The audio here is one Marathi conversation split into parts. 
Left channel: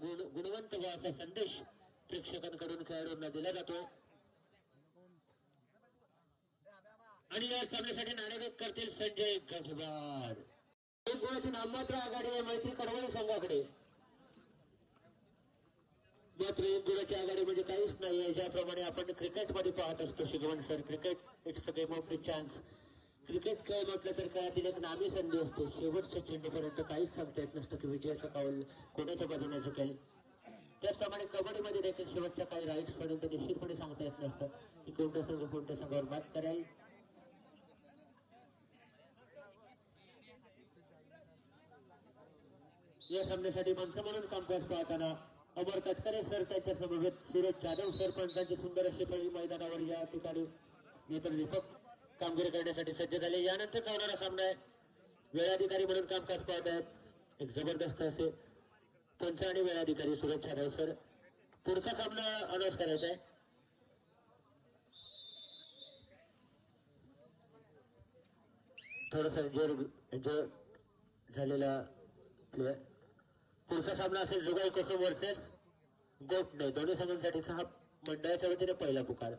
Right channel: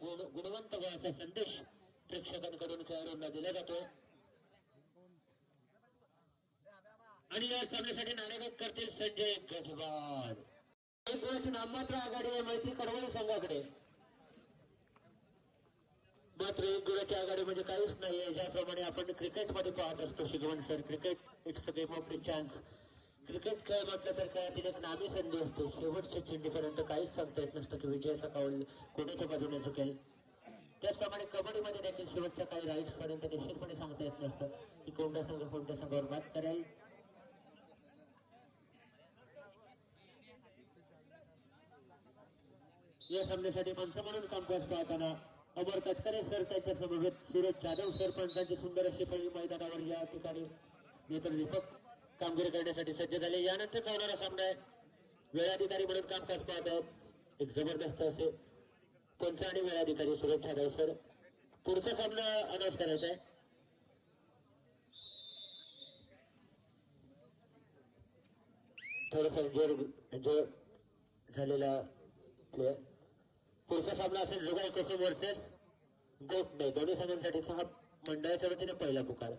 गुण गुणवंत व असा संदेश प्रेक्षकांकडून खेळाडूंना दिला जातोय आणि या सामन्यासाठी नाणेफेक करतील संजय गुणाची नाममात्र आघाडी आहे मैत्री कडवळी संघाकडे. मात्र एक गुणाची आघाडी म्हणजे काहीच नाहीये. ज्याप्रमाणे आपण क्रिकेटमध्ये पाहत असतो Shigwan sir cricket it's a game of the chance cricket खेळ म्हटलं तर खेळातील एक नामी संधी असते. शेवटच्या चेंडूपर्यंत काहीच सांगता येत नसतं की विजय सकाळ कोणाच्या बाजूने चुकेल त्याचप्रमाणे कबड्डीमध्ये देखील शेवटच्या काही राईट्स पर्यंत निश्चितपणे सांगता येत नसतं. की कोणत्या संघ कोणत्या संघावर मात करेल. या सामन्यासाठी माणसं म्हणून काम करत पाहताना अमर तटकरे सर त्यांच्या समवेत सूरज जाधव सरपंचांची सुंदर अशी पहिली मैदानावर या ठिकाणी. नेत्र दीपक कामगिरी करण्यासाठी सज्ज झाले यानंतर सामना। आहे वेळाधिकारी म्हणून कामकाज पाहत आहेत एक ज़बरदस्त असे वेळाधिकारी सूरज जाधव सर। पुढचा सामना अनाऊन्स करायचा आहे थोडस एन्जॉय झालेला प्लेअर सामना असेल जुगाई कोसम वर्सेस गोटणे दोन्ही संघांसाठीचा हा मंडळाच्या वतीने पहिला पुकार।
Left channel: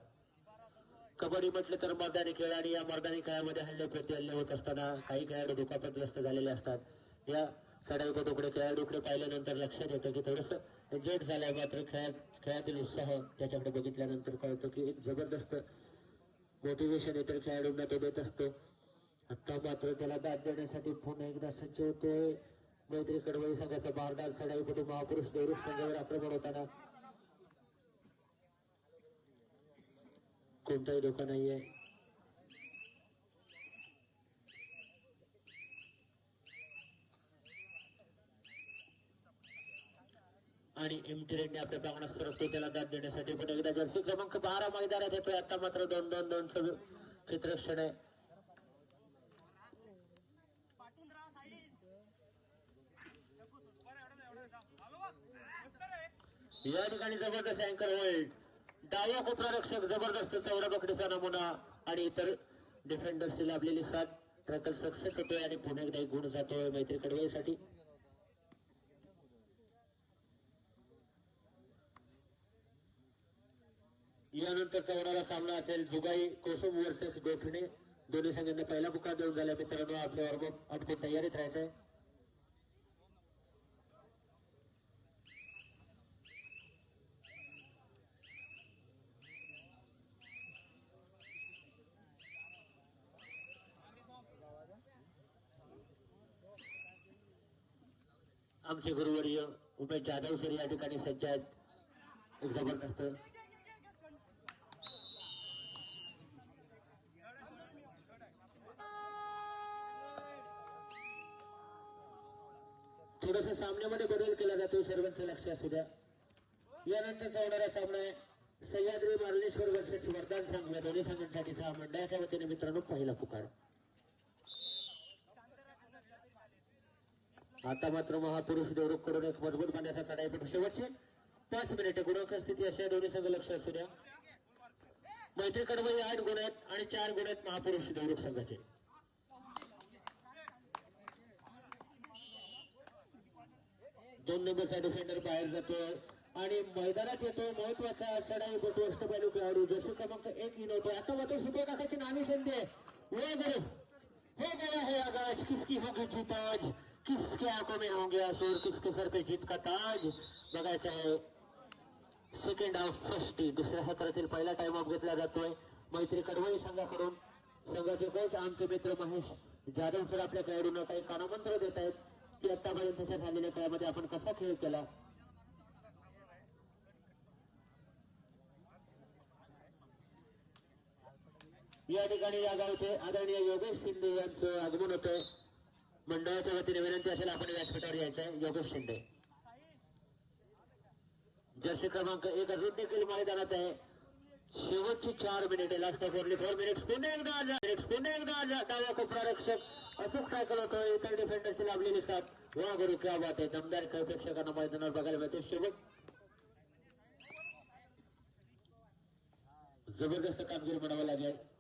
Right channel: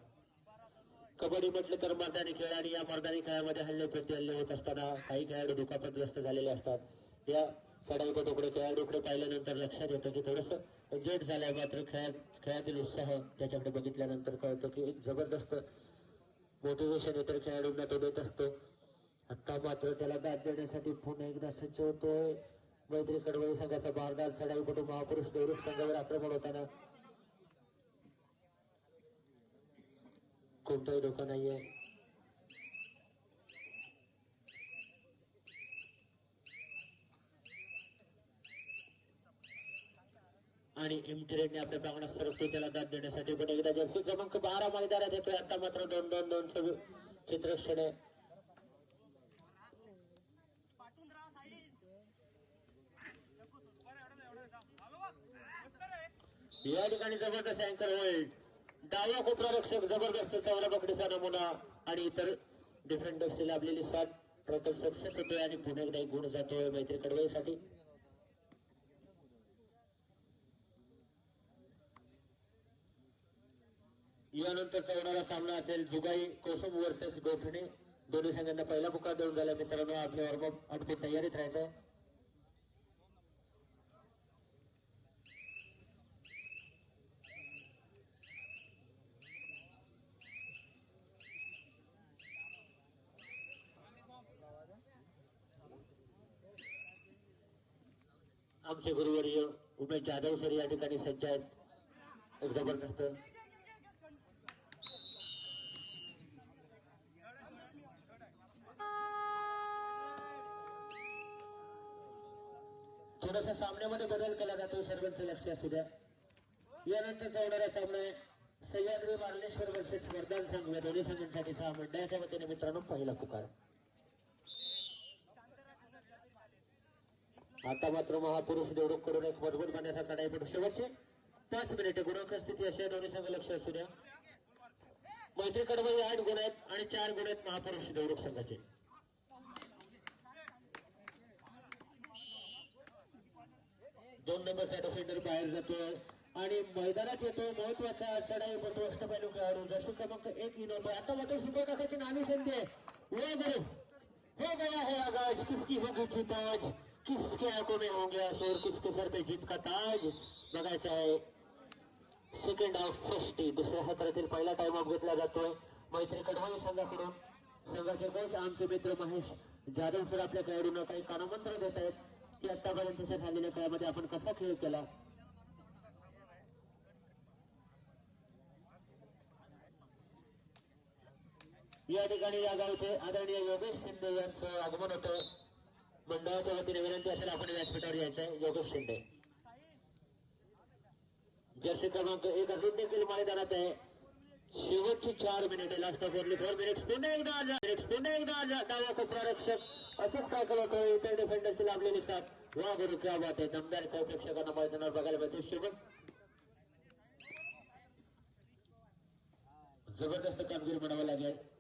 कबड्डी म्हटलं तर मर्दानी खेळ आणि या मर्दानी खेळामध्ये हल्ले प्रति हल्ले होत असताना काही खेळाडू दुखापतग्रस्त झालेले असतात. या सडाईपटूकडे खेळाडूकडे पाहिल्यानंतर लक्षात येतं की थोडस एन्जॉयड झालाय मात्र खेळात खेळातील उत्साह त्याच्याकडे बघितल्यानंतर कळतो की एक जबरदस्त मोटिवेशन इतर खेळाडूंना तो देत असतो. आता मात्र त्याला दाद देण्यासाठी पुन्हा एकदा सज्ज होते मैत्री कडवळी संघाचा बारदार चढाईपटू महापुरुष देवरूप संघावर आक्रमण होताना कोणताही धोका नाहीये आणि एम थ्रेडने आपल्या प्रांगणात सरकतो त्याला दाद देण्यासाठी पण एकदा जर्सी क्रमांक बारा मैदानात येतोय आता मात्र दोन दोन दोन सगळं क्षेत्रक्षण आहे. या ठिकाणी जबरदस्त अँकर होईल. डावा कोपरा रक्षक जबरदस्त चौरा पकडीचा नमुना आणि इतर डिफेंडर्सची लाभलेली साथ. ट्रॅकर सक्सेस होतोय आणि पुन्हा एकदा गुण जातोय मैत्री कडवाईसाठी. यानंतर चौराला सामना असेल जुगाई कोसम वर्सेस गोठणे. दोन्ही संघांना पहिला पुकार देऊन झाला मित्रांनो. आपल्या वॉर्मअप अटकून तयारीत राहायचंय आमचे गुरुवर्य उमेश जाधव सर या ठिकाणी सज्ज आहेत एक ज़बरदस्त थोडासा सामन्यामध्ये बदल केला जातो सर्वांचं लक्ष असू द्या यानंतरचा होणारा सामना आहे सह्याद्री मार्लेश्वर वर्सेस वरदान संघ, या दोन्ही संघांसाठी सहा मंडळाच्या वतीने मित्रांनो पहिला पुकार। आता मात्र महापुरुष देवरूप करून एक मजबूत बांधण्याचा चढाई पडू शेवटची. पाच मिनिटे गुणांक स्थिती अशा दोन्ही संघ लक्ष असू द्या. मैत्री कडवळी आठ गुण आहेत आणि चार गुण आहेत महापुरुष देवरूप संघाचे. दोन नंबरचा डिफेंडर बाहेर जातोय. आणि मैदानात येतो महत्त्वाचा चढाई पटू असतो पाहिजे खेळाडू. जर्सी क्रमांक एक इन होतो आता मात्र सुपर टाकायची नावी संधी आहे. वे बरे हो गया है आवाज किसकी होगी जीत आज किसके आँखों में होंगे और किसके सर पे जीत का ताज? बघायचं आहे सेकंड हाफ़ फ़र्स्ट दुसऱ्या सत्रातील पहिला टाइम ऑफ़ घेतला जातोय मैत्री कडवळी संघाकडून संघाचे कोच आमचे मित्र महेश जाधव सर आपल्या खेळाडूंना काही कानमंत्र देत आहेत की आतापर्यंतच्या झालेल्या काळामध्ये आपण कसा या गावचे आदरणीय योगेश शिंदे यांचे आगमन होतं। मंडळाच्या वतीने विनंती असेल आपण व्यासपीठावर यायचं. योगेश शिंदे. जर्सी क्रमांक एक अजून देखील मैदानात आहे. शेवटची चार मिनिटे last of only four minutes पुन्हा एकदा मिनिट्स पुन्हा एकदा आजा डावा कोपरा रक्षक. असेच करत होतो इतर डिफेंडरची लाभलेली साथ. वा गुरु क्या बात आहे. दमदार खेळ प्रेक्षकांना मैदानावर बघायला मिळतो. शेवट. जबरदस्त कामगिरी म्हणावं लागेल.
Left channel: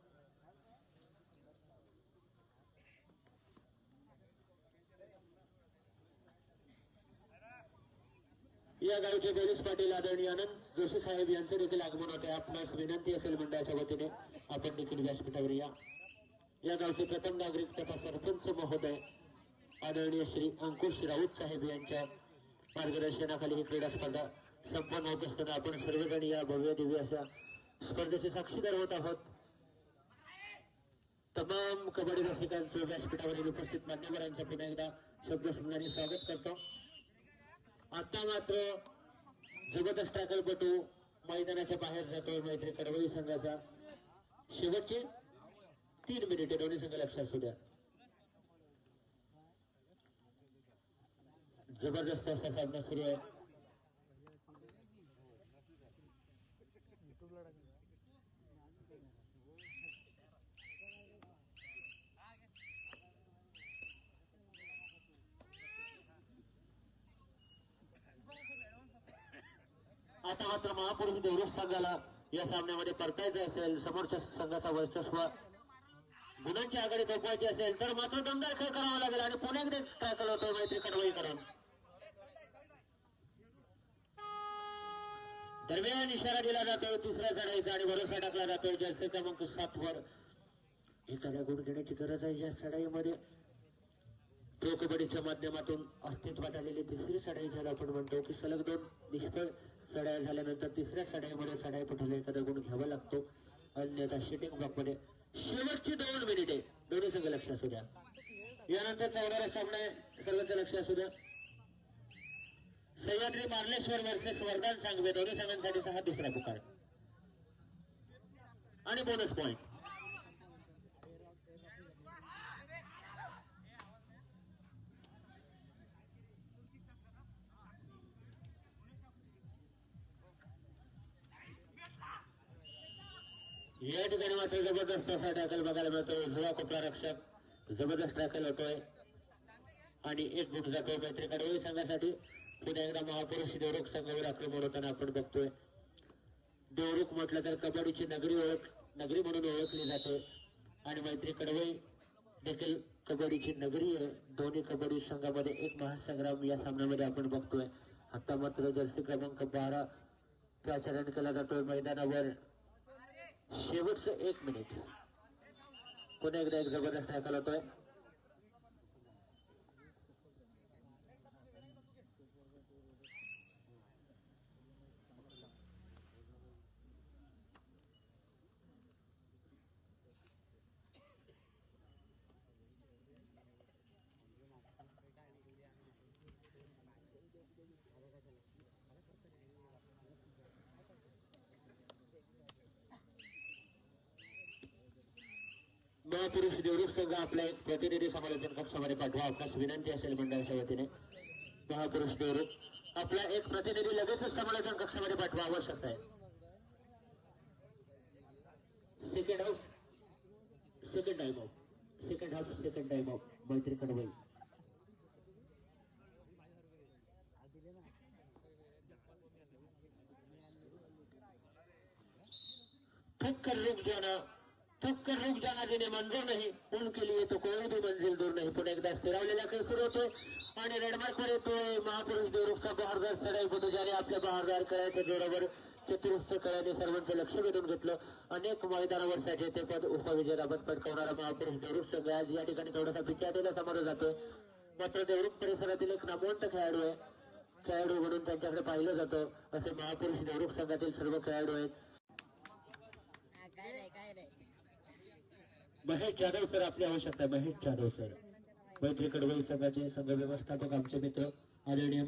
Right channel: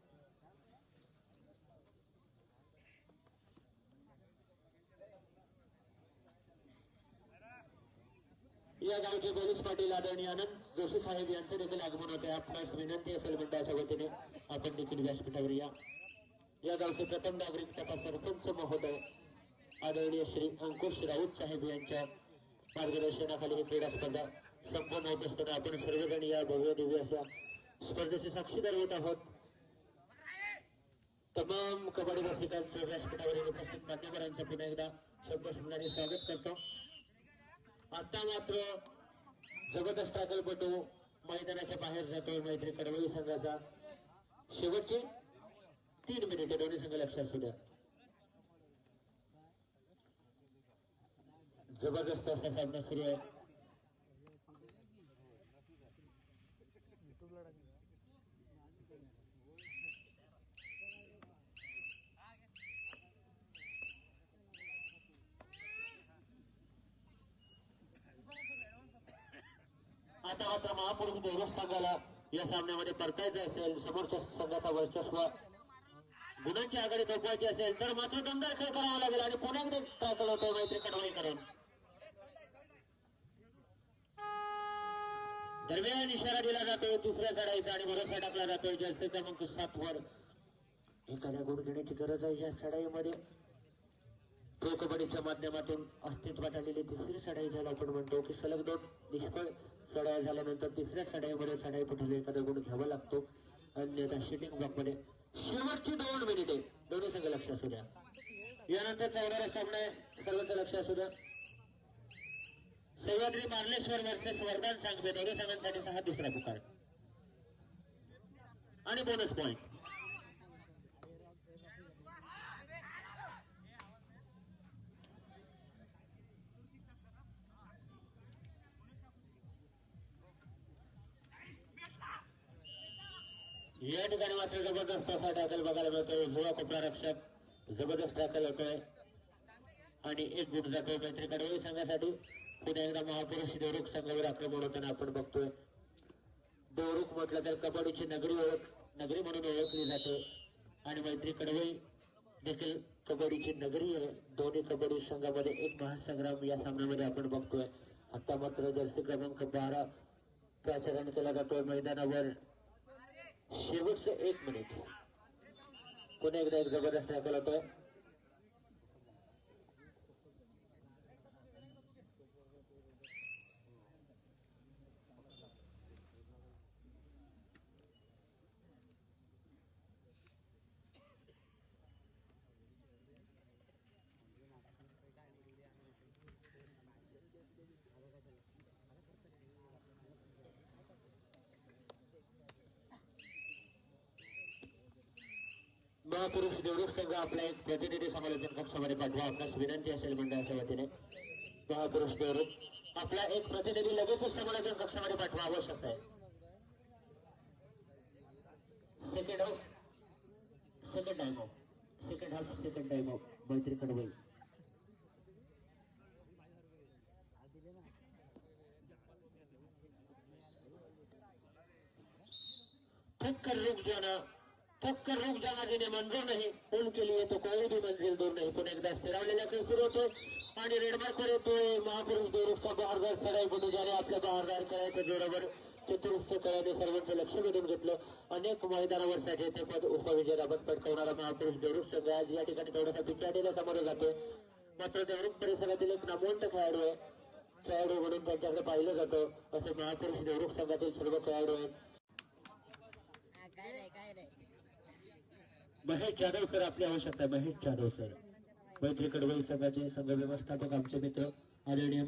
या गावचे पोलीस पाटील आदरणीय आनंद जोशी साहेब यांचं देखील आगमन होते आपणास विनंती असेल मंडळाच्या वतीने आपण देखील व्यासपीठावर या. या गावचे प्रथम नागरिक तथा सरपंच महोदय आदरणीय श्री अंकुश राऊत साहेब यांच्या मार्गदर्शनाखाली ही क्रीडा स्पर्धा संपन्न होत असताना आपण सर्वजण या भव्य दिव्य अशा स्पर्धेचे साक्षीदार होत आहोत. तमाम कबड्डी रसिकांचं व्यासपीठावरील उपस्थित मान्यवरांचं पुन्हा एकदा शब्दसुमनाने स्वागत करतो. आता मात्र जबरदस्त टाकलपटू मैदानाच्या बाहेर जातोय मैत्री कडवळी संघाचा. शेवटचे तीन मिनिटे दोन्ही संघ लक्षात असू द्या. जबरदस्त असा सामना सुरू आहे. आता मात्र महापुरुष देवरुख संघाला या सामन्यामध्ये परतायचं असेल समोरच्या संघाचा वर्चस्व गुणांची आघाडी थोपवायची असेल तर मात्र दमदार खेळ करावा लागेल आणि पुणे एकदा टाकल होतोय मैत्री कडवाई करून दरम्यान इशारा दिला जातोय तिसऱ्या चढाईचा आणि भरोसा टाकला जातोय जास्त क्रमांक सात वर. एखाद्या गुण घेण्याची गरज आहे या चढाईमध्ये प्रो कबड्डीच्या माध्यमातून अस्तित्वात आलेली तिसरी चढाई झाला आपण म्हणतो की सलग दोन निष्फळ चढाया झाल्यानंतर तिसऱ्या चढाईमध्ये सडाई पठवले एखादा गुण घ्यावा लागतो. अन्यथा शेटिंग ब्लॉकमध्ये शेवटची दोन मिनिटे दोन्ही संघ लक्ष असू द्या. यानंतर चौदारा सामना आहे. सर्वांचं लक्ष असू द्या. सह्याद्री मार्लेश्वर वर्सेस वरदान सांगवे. दोन्ही संघांसाठी सहा दुसरा पुकार. आणि बोनस पॉईंट या ठिकाणी मात्र जबरदस्त असा टॅकल बघायला मिळतो उजवा कोपरा रक्षक जबरदस्त टॅकल होतोय. आणि एक गुट जातोय मैत्री कडवाई संघासाठी पुन्हा एकदा महापुरुष देवरुख संघावर आक्रमण होताना आपण बघतोय. देवरुख म्हटलं तर कबड्डीची नगरी ओळख नगरी म्हणून ओळखली जाते. आणि मैत्री कडवे देखील कबड्डीची नगरी आहे. दोन्ही कबड्डी संघामध्ये एक महासंग्राम या सामन्यामध्ये आपण बघतोय. आता मात्र जर्सी क्रमांक बारा प्रचारण केला जातोय मैदानावर. शेवटचं एक मिनिट. पुन्हा एकदा एक जबरदस्त ऐकायला होतोय महापुरुष देवरुख संघ आपला एक प्रतिनिधी समालोचन कक्षामध्ये पाठवा आपल्यास विनंती असेल मंडळाच्या वतीने महापुरुष देवरुख आपला एक प्रतिनिधी लगेचच समालोचन कक्षामध्ये पाठवा आवश्यक आहे second half second time half second time of Maitri Kadwai थक कर रुक जाना थक कर रुक जाना जिन्हें मंजूर नहीं. उनके लिए तो कोई भी मंजिल दूर नहीं. पुन्हा एकदा स्थिरावलेला खेळ सुरू होते. आणि रेडमार्कवर येतोय. महापुरुष देवरुखचा बहारदार सराई गुडू आपल्या बहारदार करायच्या जोरावर. चतुरस्थ कळ्याने सर्वांचं लक्ष वेधून घेतलं. अनेक मैदानावर साजेते पद उपविजेतापद पटकावणारा महापुरुष देवरूप संघ आज या ठिकाणी थोडासा पिछाडीला समोर जातोय. मात्र देवरूप परिसरातील एक नामवंत खेळाडू आहे. खेळाडू म्हणून त्यांच्याकडे पाहिलं जातं. असे महापुरुष देवरूप संघातील सर्व खेळाडू आहेत. काय नाही काय नाही. महेश जाधव सर आपली आवश्यकता आहे. महेश जाधव सर. मैत्री कडवई संघाचे संघ व्यवस्थापक आमचे मित्र आदरणीय